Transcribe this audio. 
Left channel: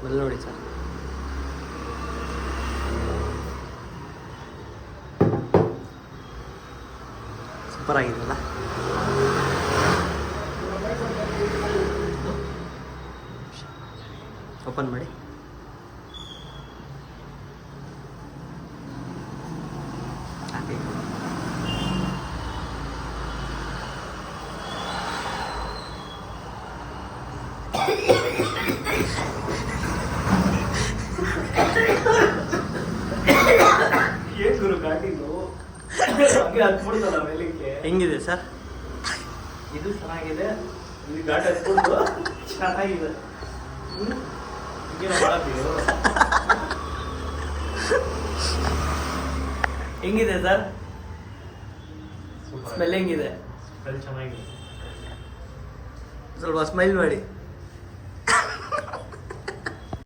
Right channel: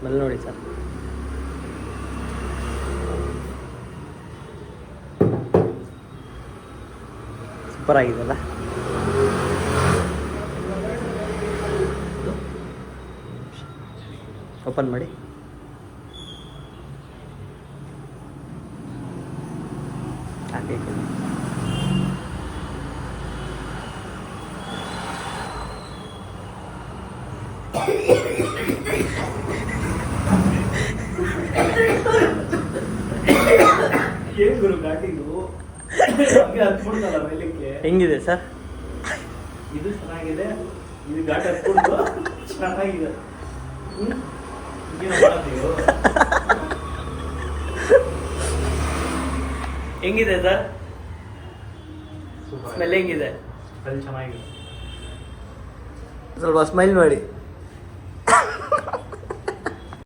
Smell ನೋಡಿ sir. Super ಆಗಿದೆಯಲ್ಲ. Open ಮಾಡಿ. ಹಾಕಿ ಏನ್ ಗುರು ಘಾಟಿಂಗು ಹೆಂಗಿದೆ ಸರ್? ಇದು ಚೆನ್ನಾಗಿದೆ, ಇದು ಘಾಟ್ ಹತ್ಕೊಂಡು ಚೆನ್ನಾಗಿದೆ. ಹೆಂಗಿದೆ ಸರ್? ಸ್ಮೆಲ್ ಹೆಂಗಿದೆ? ಚೆನ್ನಾಗಿದೆ. ಸ್ವಲ್ಪ ಸ್ಮೈಲ್ ಮಾಡಿ.